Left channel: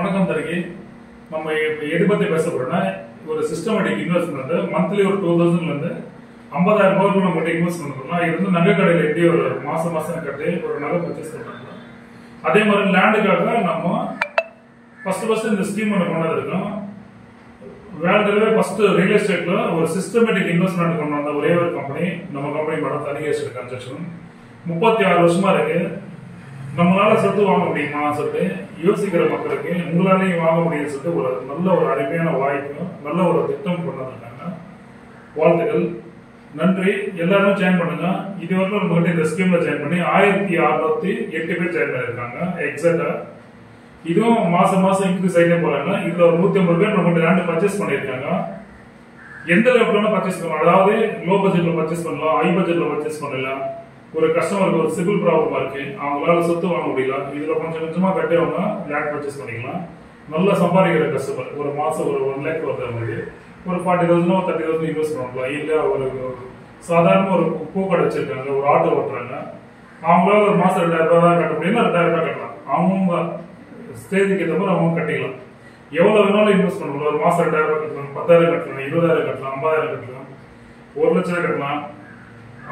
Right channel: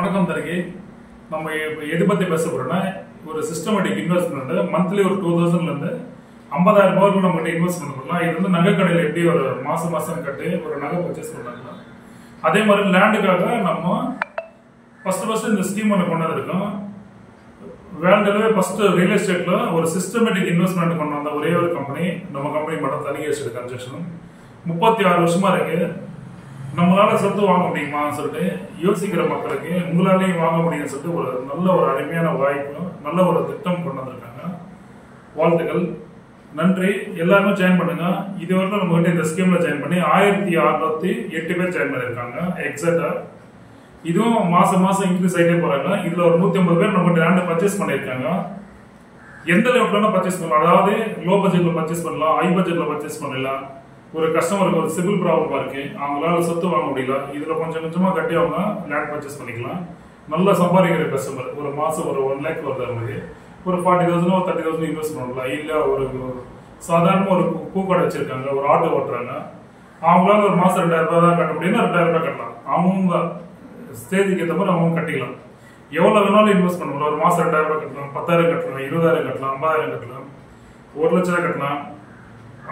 வணக்கம் தரகி. நம்ம எது பத்தி பேச போறோம்னா, ஒரு சிஸ்டமேட்டிக் இன்வெஸ்ட்மெண்ட் மந்த்லி ஒரு 2000 இருந்து 50,000 ரூபாய்க்கு நம்ம கிட்ட இன்வெஸ்ட்மெண்ட் பண்ணலாம். இது வந்து நகை கடையில் எப்படி ஒரு மாசம் கட்டி ஒரு நகை பர்ச்சேஸ் பண்ணலாம். அதே மாதிரி லேண்டுக்காக நம்ம ஃபர்ஸ்ட் இந்த ஸ்கீம் ஒன்று கொண்டு வந்திருக்கோம். வேர்ல்டுல ஃபர்ஸ்ட் ரியல் எஸ்டேட்ல ஒரு சிஸ்டமேட்டிக் இன்வெஸ்ட்மெண்ட் கொண்டு வந்த ஒரே ஒரு கம்பெனி நம்ம கம்பெனி மட்டும் தனி எஸ்டேட் கன்ஸ்ட்ரக்ஷன். 36 வருஷமா இருக்கு. நம்மளால சொத்து வாங்க முடியுமா சொல்லிட்டு யோசிக்கிற மக்களுக்கு உங்களாலையும் வாங்க முடியும்னு சொல்லிட்டு ஒரு நல்ல ஒரு அருமையான வாய்ப்பு, நல்ல ஒரு திட்டம் கொண்டு வந்திருக்காங்க. வாழ்த்துக்கள், நன்றி. எல்லாருமே ஜாயின் பண்ணுங்க. இதுவரைக்கும் நம்ம கிட்ட இந்த ஸ்கீம்ல ஜாயின் பண்ணி 1608 பேர் ஜாயின் பண்ணிருக்காங்க எக்ஸாக்டா. இதுவும் மாசம் இன்க்ரீஸ் ஆகிட்டே போறாங்க. இதுல ஒரு 150 பேர் நம்ம லேண்ட் பர்ச்சேஸ் பண்ணிருக்காங்க. எந்த லெவல்ல பர்ச்சேஸ் பண்ணலாம், அதாவது லோ பட்ஜெட்ல பர்ச்சேஸ் பண்ணலாம், ஹை பட்ஜெட்ல பர்ச்சேஸ் பண்ணலாம். ஒரு கஸ்டமருக்கு ஒரு சிவில் ப்ராப்ளமா இருக்கு, அவங்களால சொத்து வாங்க முடியல, இதுல கொஞ்சமா கட்டி அவங்க லேண்ட் பர்ச்சேஸ் பண்ணிக்கலாம். நல்லா சம்பாதிக்கிற கஸ்டமர் ஒரு மாசம் ஒரு 1 lakh வருது, மாதிரி ஒரு 40,000 30,000 இன்வெஸ்ட் பண்ணலாம். இல்ல ஒரு சாதாரண ஒரு பூக்கடை வச்சிருக்காங்க, ஒரு ஆட்டோ ஓட்டுறாங்க, அவங்களால ஒரு மாசம் 2000 ரூபாய் தான் கட்ட முடியும், 2000 ரூபாய் கட்டலாம். அவங்க ஸ்டேஜுக்கு ஏற்ற மாதிரி அவங்க கட்டிக்கலாம். எவ்வளவு வேணாலும் இன்வெஸ்ட் பண்ணலாம். ஒரு மாசம் 2000 ரூபாய் கட்டலாம், 10,000 கட்டலாம், 20,000 கட்டலாம், 50,000 கட்டலாம், 1 லட்சம் கட்டலாம்.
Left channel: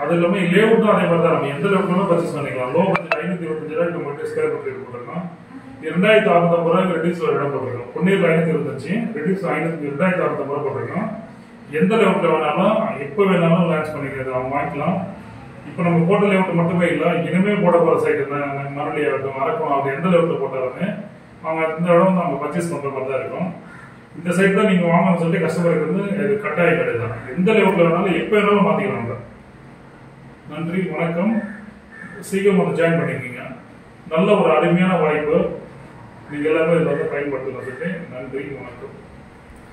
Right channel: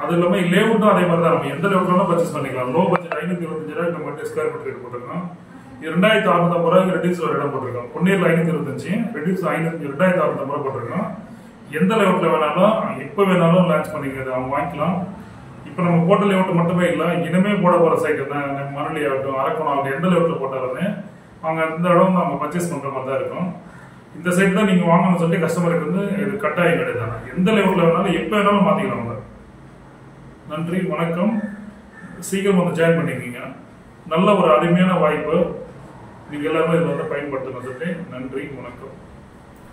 அது இல்லாம லேஅவுட்டும் அதே மாதிரி தான். நம்ம எந்த லேஅவுட்னாலும் பர்ச்சேஸ் பண்ணிக்கலாம். லோ பட்ஜெட் 525 ரூபாய்க்கு நம்ம கிட்ட ஸ்கொயர் மீட்டர் போட்டிருக்கோம். 2650 ரூபாய்க்கு ரெடியூஸ் ஒரு இடம் போட்டிருக்கோம். பொன்னீர்ல 525, ரெடியூஸ் 2650 ரூபாய் போட்டிருக்கோம். எந்த லேஅவுட்ல வேணாலும் எப்ப வேணாலும் லான்ச் பண்ணிக்கிறது அவங்க வாங்கிக்கலாம். இப்ப நம்ம போட்ட லேஅவுட் மட்டுமே இல்லை, இனிமே போட போற சைட் தான் மணலி ஆகட்டும், அரக்கணம் ஆகட்டும், எந்த லேஅவுட்ல போட்டாலுமே அவங்க இந்த இடம் அவங்க பர்ச்சேஸ் பண்ற மாதிரி தான் இருக்கும். இந்த சைட் தான் நீங்க வாங்கணும்னு சொல்லிட்டு கஸ்டமருக்கு வந்து இது கட்டாயம் கிடையாது. எந்த லேஅவுட்ல வேணாலும் எப்ப வேணாலும் மாத்திக்கலாம். நன்றி, வணக்கம். சீக்கிரம் வந்து ஜாயின் பண்ணிக்கீங்க. நல்ல ஒரு அருமையான வாய்ப்பு. நீங்க எல்லாருமே இதில் வந்து பயன்படுத்தணும். நன்றி, வணக்கம்.